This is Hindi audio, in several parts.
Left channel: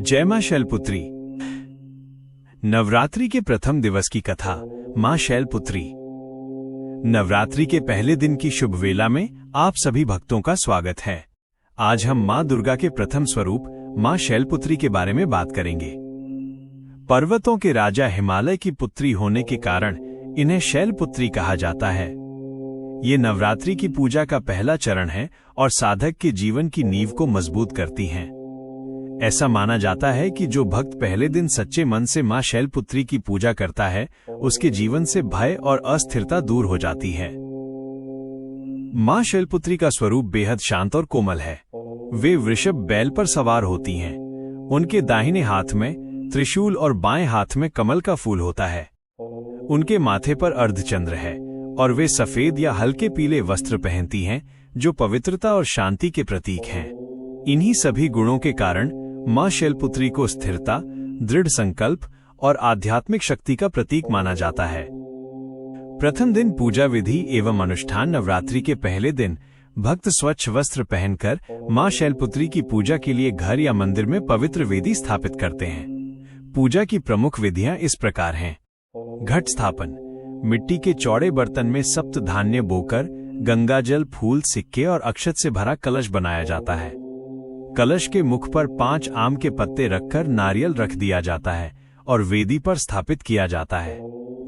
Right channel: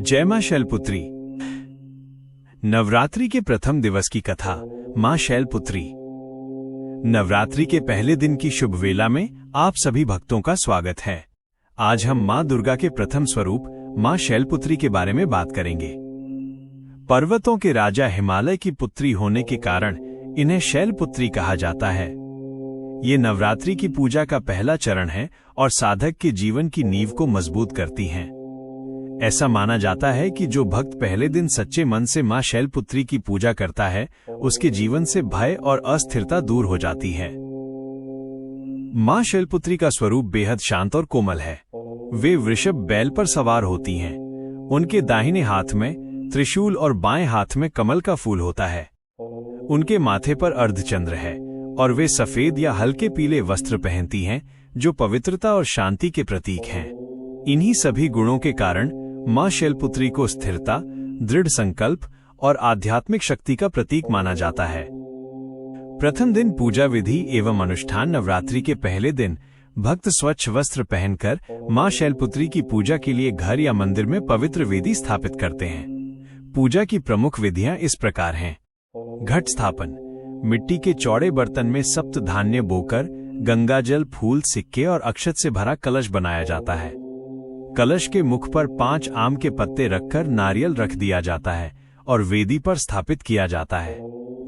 जय मां शैलपुत्री। नवरात्रि के प्रथम दिवस की कथा। मां शैलपुत्री। नवरात्रि के पहले दिन की शुभ वेला में आप सभी भक्तों का स्वागत है। आज हम मां दुर्गा के प्रथम स्वरूप मां शैलपुत्री के बारे में बात करेंगे। पर्वतों के राजा हिमालय की पुत्री होने के कारण इन्हें शैलपुत्री कहा जाता है। ये नवरात्रि की पूजा का पहला चरण है और साधक के जीवन की नींव को मजबूत करती हैं। ऐसा माना जाता है कि जो भक्त पहले दिन सच्चे मन से मां शैलपुत्री की पूजा करता है, उसके जीवन से भय और अस्थिरता दूर हो जाती है। मां शैलपुत्री का स्वरूप बेहद शांत और कोमल है। वे वृषभ बैल पर सवार होती हैं। उनके दाहिने हाथ में त्रिशूल और बाएं हाथ में कमल का फूल होता है। उनके माथे पर अर्धचंद्र है और वे सफेद या हल्के पीले वस्त्र पहनती हैं, जो पवित्रता और शांति के प्रतीक हैं। इन्हीं सभी गुणों के कारण मां शैलपुत्री को स्थिरता, दृढ़ संकल्प और आध्यात्मिक शक्ति का प्रतीक माना जाता है। प्रथम दिन पूजा विधि एवं अनुष्ठान। नवरात्रि के पहले दिन भक्त स्वच्छ वस्त्र पहनकर मां शैलपुत्री की पूजा के लिए घर या मंदिर में पवित्र वेदी स्थापित करते हैं। पूजा की प्रमुख विधियां इस प्रकार हैं। घट स्थापन। मिट्टी के चौड़े बर्तन में सप्त धान्य बोकर गंगाजल, फूल, सिक्के और अक्षत से भरा कलश बनाया जाता है। कलश के मुख पर 5 आम के पत्ते रखकर नारियल रख दिया जाता है और वेदी पर स्थापित किया जाता है।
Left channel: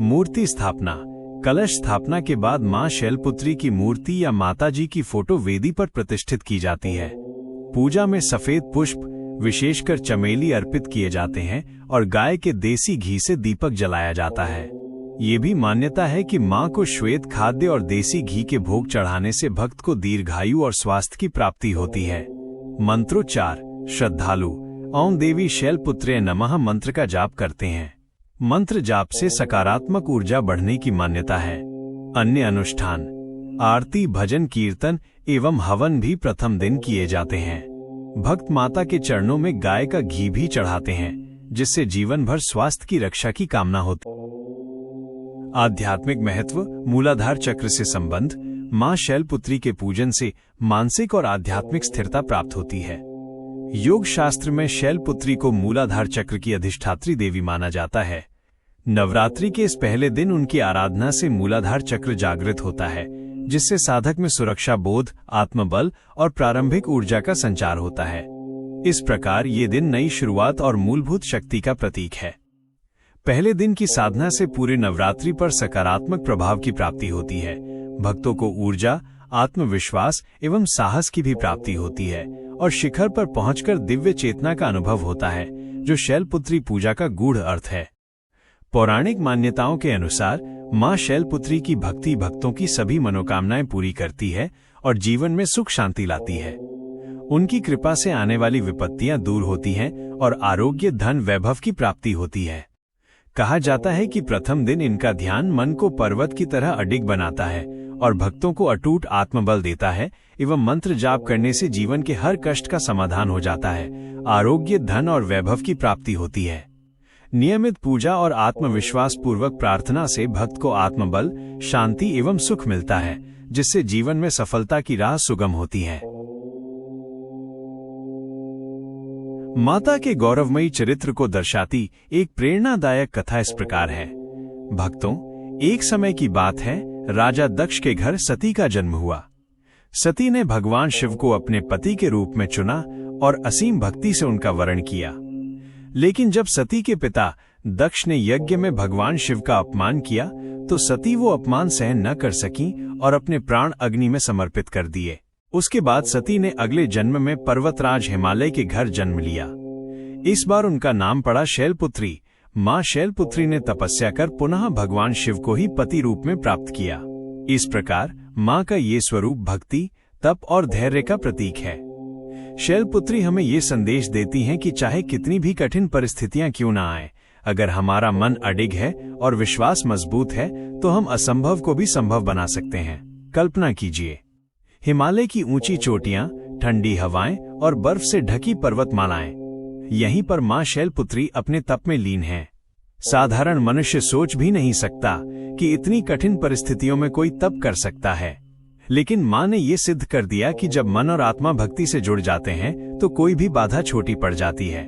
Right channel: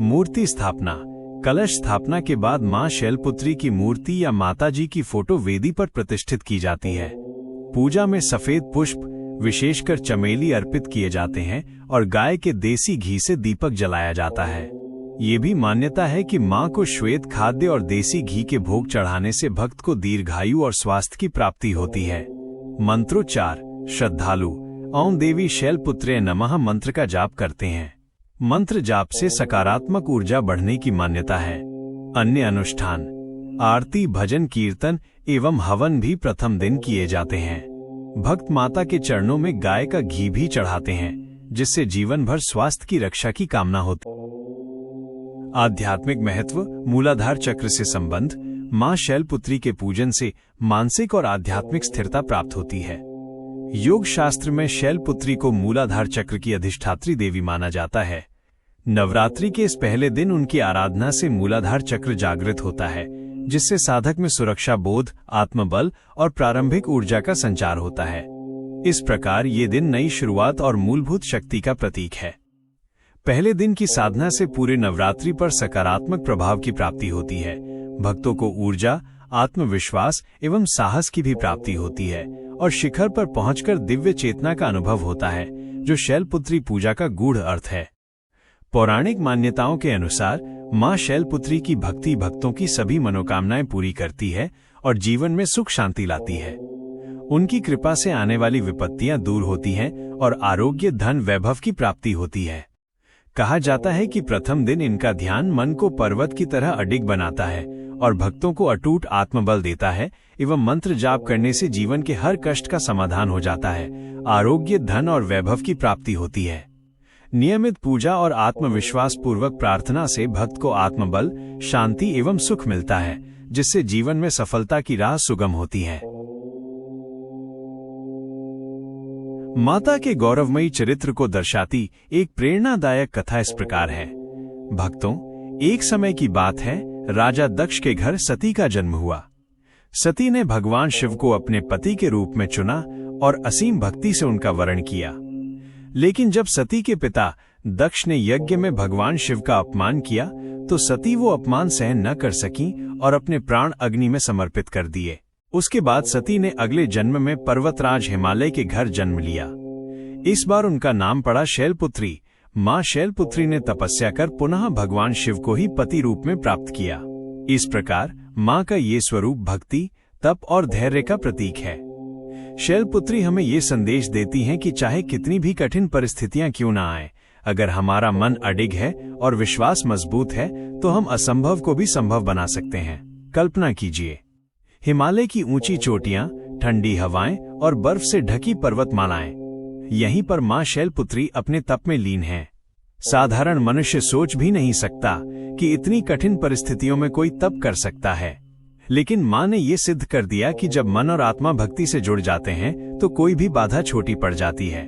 मूर्ति स्थापना। कलश स्थापना के बाद मां शैलपुत्री की मूर्ति या माताजी की फोटो वेदी पर प्रतिष्ठित की जाती है। पूजा में सफेद पुष्प, विशेषकर चमेली, अर्पित किए जाते हैं और गाय के देसी घी से दीपक जलाया जाता है। ये भी मान्यता है कि मां को श्वेत खाद्य और देसी घी के भोग चढ़ाने से भक्त को दीर्घायु और स्वास्थ्य की प्राप्ति होती है। मंत्रोच्चार। श्रद्धालु ओम देवी शैलपुत्रे नमः मंत्र का जाप करते हैं। मंत्र जाप से सकारात्मक ऊर्जा बढ़ने की मान्यता है। अन्य अनुष्ठान। आरती, भजन, कीर्तन एवं हवन भी प्रथम दिन किए जाते हैं। भक्त माता के चरणों में गाय का घी भी चढ़ाते हैं, जिससे जीवन भर स्वास्थ्य की रक्षा की कामना होती है। आध्यात्मिक महत्व। मूलाधार चक्र से संबंध। मां शैलपुत्री के पूजन से मानसिक और आध्यात्मिक स्थिरता प्राप्त होती है। योग शास्त्र में शैलपुत्री को मूलाधार चक्र की अधिष्ठात्री देवी माना जाता है। नवरात्रि के इस पहले दिन उनकी आराधना से मूलाधार चक्र जागृत होता है, जिससे साधक में सुरक्षा बोध, आत्मबल और प्रारंभिक ऊर्जा का संचार होता है। इस प्रकार ये दिन नई शुरुआत और मूलभूत शक्ति का प्रतीक है। पहले दिन की साधना से पूरे नवरात्रि पर सकारात्मक प्रभाव की प्राप्ति होती है। भक्तों को ऊर्जा, आत्मविश्वास एवं साहस की भी प्राप्ति होती है और शिखर पर पहुंचकर दिव्य चेतना का अनुभव होता है, जो शैलपुत्री पूजा का गूढ़ अर्थ है। पौराणिक मान्यताओं के अनुसार मां शैलपुत्री की भक्ति भक्तों की सभी मनोकामनाएं पूरी करती है और जीवन में सुख शांति लाती है। उनकी कृपा से आने वाली विपत्तियां दूर होती हैं और आरोग्य, धन, वैभव की प्राप्ति होती है। कहा जाता है कि प्रथम दिन इनका ध्यान मन को पर्वत की तरह अडिग बनाता है और भक्तों को अटूट आत्मबल देता है एवं मंत्र जाप करने से जीवन के हर कष्ट का समाधान हो जाता है। आरोग्य, धन और वैभव की प्राप्ति होती है। नियमित पूजा और आत्मविश्वास पूर्वक प्रार्थना से भक्त को आत्मबल, शांति एवं सुख मिलता है, जिससे जीवन में सफलता की राह सुगम होती है। माता के गौरवमयी चरित्र को दर्शाती एक प्रेरणादायक कथा इस प्रकार है। भक्तों, एक समय की बात है, राजा दक्ष के घर सती का जन्म हुआ। सती ने भगवान शिव को अपने पति के रूप में चुना और असीम भक्ति से उनका वरण किया। लेकिन जब सती के पिता दक्ष ने यज्ञ में भगवान शिव का अपमान किया, तो सती वो अपमान सहन न कर सकी और अपने प्राण अग्नि में समर्पित कर दिए। उसके बाद सती ने अगले जन्म में पर्वतराज हिमालय के घर जन्म लिया। इस बार उनका नाम पड़ा शैलपुत्री। मां शैलपुत्री ने तपस्या कर पुनः भगवान शिव को ही पति रूप में प्राप्त किया। इस प्रकार मां का ये स्वरूप भक्ति, तप और धैर्य का प्रतीक है। शैलपुत्री हमें ये संदेश देती हैं कि चाहे कितनी भी कठिन परिस्थितियां क्यों न आए, अगर हमारा मन अडिग है और विश्वास मजबूत है, तो हम असंभव को भी संभव बना सकते हैं। कल्पना कीजिए, हिमालय की ऊंची चोटियां, ठंडी हवाएं और बर्फ से ढकी पर्वतमालाएं। यहीं पर मां शैलपुत्री अपने तप में लीन है। साधारण मनुष्य सोच भी नहीं सकता कि इतनी कठिन परिस्थितियों में कोई तप कर सकता है। लेकिन माँ ने ये सिद्ध कर दिया कि जब मन और आत्मा भक्ति से जुड़ जाते हैं तो कोई भी बाधा छोटी पड़ जाती है।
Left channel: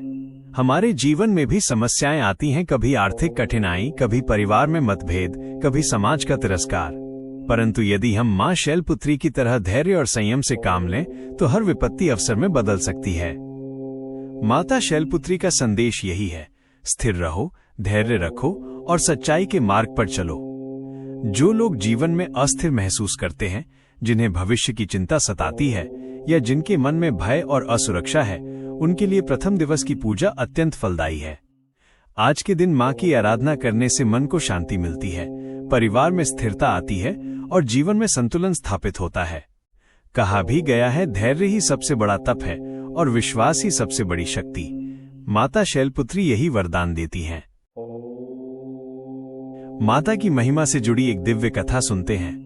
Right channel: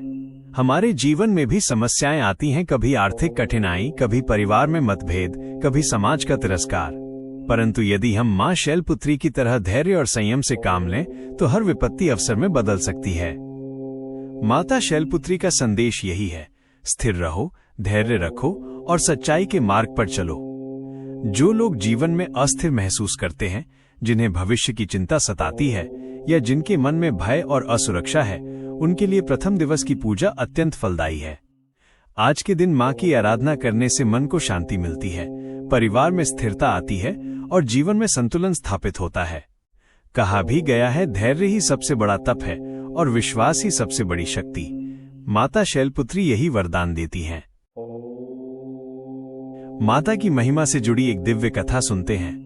हमारे जीवन में भी समस्याएं आती हैं, कभी आर्थिक कठिनाई, कभी परिवार में मतभेद, कभी समाज का तिरस्कार। परंतु यदि हम माँ शैलपुत्री की तरह धैर्य और संयम से काम लें तो हर विपत्ति अवसर में बदल सकती है। माता शैलपुत्री का संदेश यही है, स्थिर रहो, धैर्य रखो और सच्चाई के मार्ग पर चलो। जो लोग जीवन में अस्थिर महसूस करते हैं, जिन्हें भविष्य की चिंता सताती है या जिनके मन में भय और असुरक्षा है, उनके लिए प्रथम दिवस की पूजा अत्यंत फलदायी है। आज के दिन माँ की आराधना करने से मन को शांति मिलती है, परिवार में स्थिरता आती है और जीवन में संतुलन स्थापित होता है। कहा भी गया है, धैर्य ही सबसे बड़ा तप है और विश्वास ही सबसे बड़ी शक्ति। माता शैलपुत्री यही वरदान देती हैं। माता की महिमा से जुड़ी एक दिव्य कथा सुनते हैं।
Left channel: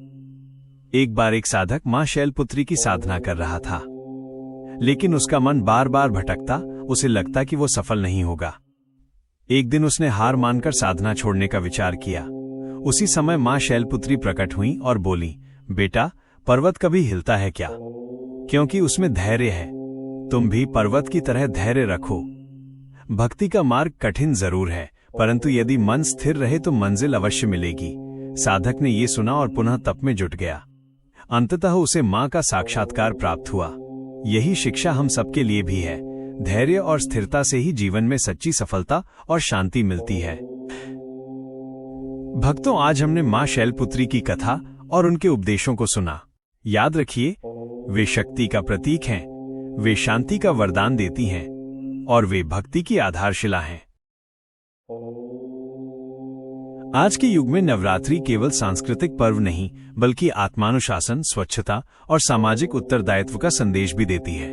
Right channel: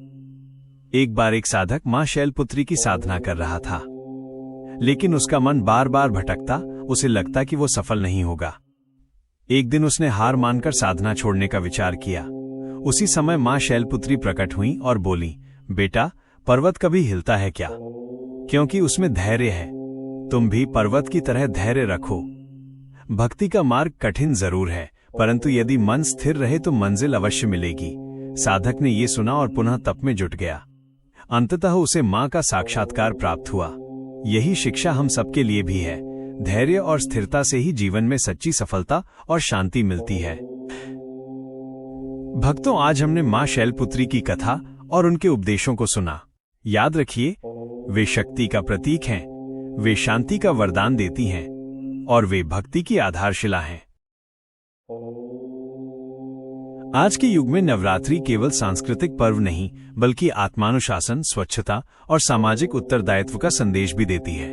एक बार एक साधक माँ शैलपुत्री की साधना कर रहा था, लेकिन उसका मन बार बार भटकता, उसे लगता कि वो सफल नहीं होगा। एक दिन उसने हार मानकर साधना छोड़ने का विचार किया। उसी समय माँ शैलपुत्री प्रकट हुई और बोली, बेटा, पर्वत कभी हिलता है क्या? क्योंकि उसमें धैर्य है। तुम भी पर्वत की तरह धैर्य रखो। भक्ति का मार्ग कठिन जरूर है, परंतु यदि मन स्थिर रहे तो मंजिल अवश्य मिलेगी। साधक ने ये सुना और पुनः तप में जुट गया। अंततः उसे माँ का साक्षात्कार प्राप्त हुआ। यही शिक्षा हम सबके लिए भी है। धैर्य और स्थिरता से ही जीवन में सच्ची सफलता और शांति मिलती है। भक्तों, आज हमने माँ शैलपुत्री की कथा और उनके उपदेशों को सुना। याद रखिए, वे शक्ति का प्रतीक हैं, वे शांति का वरदान देती हैं और वे भक्ति की आधारशिला हैं। आज के युग में नवरात्रि केवल सांस्कृतिक पर्व नहीं, बल्कि आत्मानुशासन, स्वच्छता और सामाजिक उत्तरदायित्व का संदेश भी देती है।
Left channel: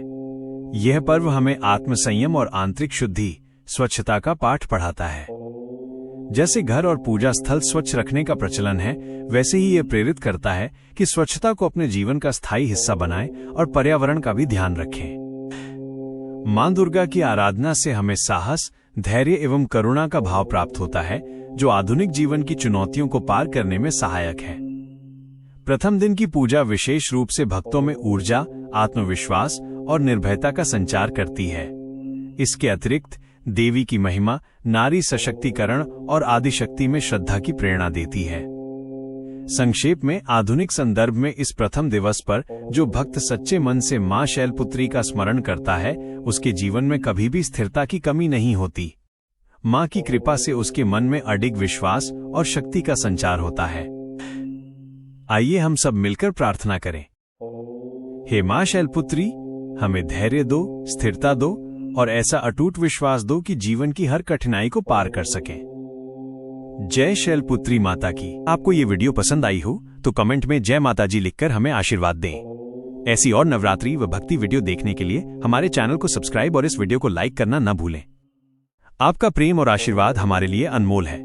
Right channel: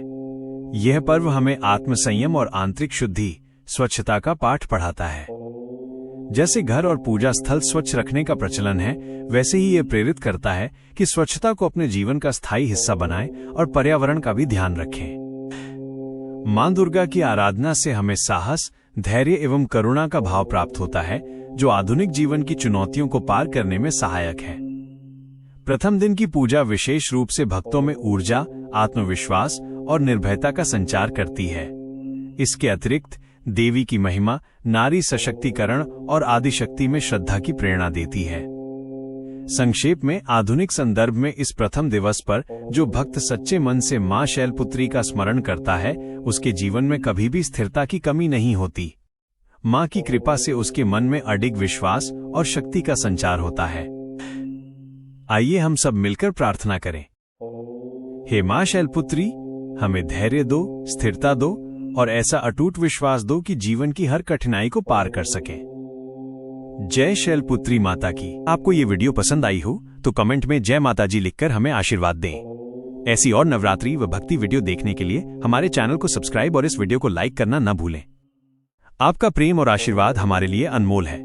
यह पर्व हमें आत्मसंयम और आंतरिक शुद्धि, स्वच्छता का पाठ पढ़ाता है। जैसे घर और पूजा स्थल स्वच्छ रखने का प्रचलन है, वैसे ही यह प्रेरित करता है कि स्वच्छता को अपने जीवन का स्थायी हिस्सा बनाएं और पर्यावरण का भी ध्यान रखें। मां दुर्गा की आराधना से हमें साहस, धैर्य एवं करुणा का भाव प्राप्त होता है, जो आधुनिक जीवन की चुनौतियों को पार करने में सहायक है। प्रथम दिन की पूजा विशेष रूप से भक्तों में ऊर्जा, आत्मविश्वास और निर्भयता का संचार करती है। इसके अतिरिक्त देवी की महिमा नारी सशक्तिकरण और आदिशक्ति में श्रद्धा की प्रेरणा देती है। संक्षेप में, आधुनिक संदर्भ में इस प्रथम दिवस पर जो भक्त सच्चे मन से मां शैलपुत्री का स्मरण करता है, उसके जीवन में कभी भी स्थिरता की कमी नहीं होती। मां की कृपा से उसके मन में अडिग विश्वास और शक्ति का संचार होता है। आइए हम सब मिलकर प्रार्थना करें। हे मां शैलपुत्री, हमें धैर्य दो, स्थिरता दो और ऐसा अटूट विश्वास दो कि जीवन की हर कठिनाई को पार कर सके। जय शैलपुत्री माता की। आपको ये वीडियो पसंद आई हो तो कमेंट में जय माता जी लिखकर हमें आशीर्वाद दें। ऐसी और नवरात्रि व भक्ति वीडियो देखने के लिए हमारे चैनल को सब्सक्राइब और इस वीडियो को लाइक करना न भूलें। आपका प्रेम और आशीर्वाद हमारे लिए अनमोल है।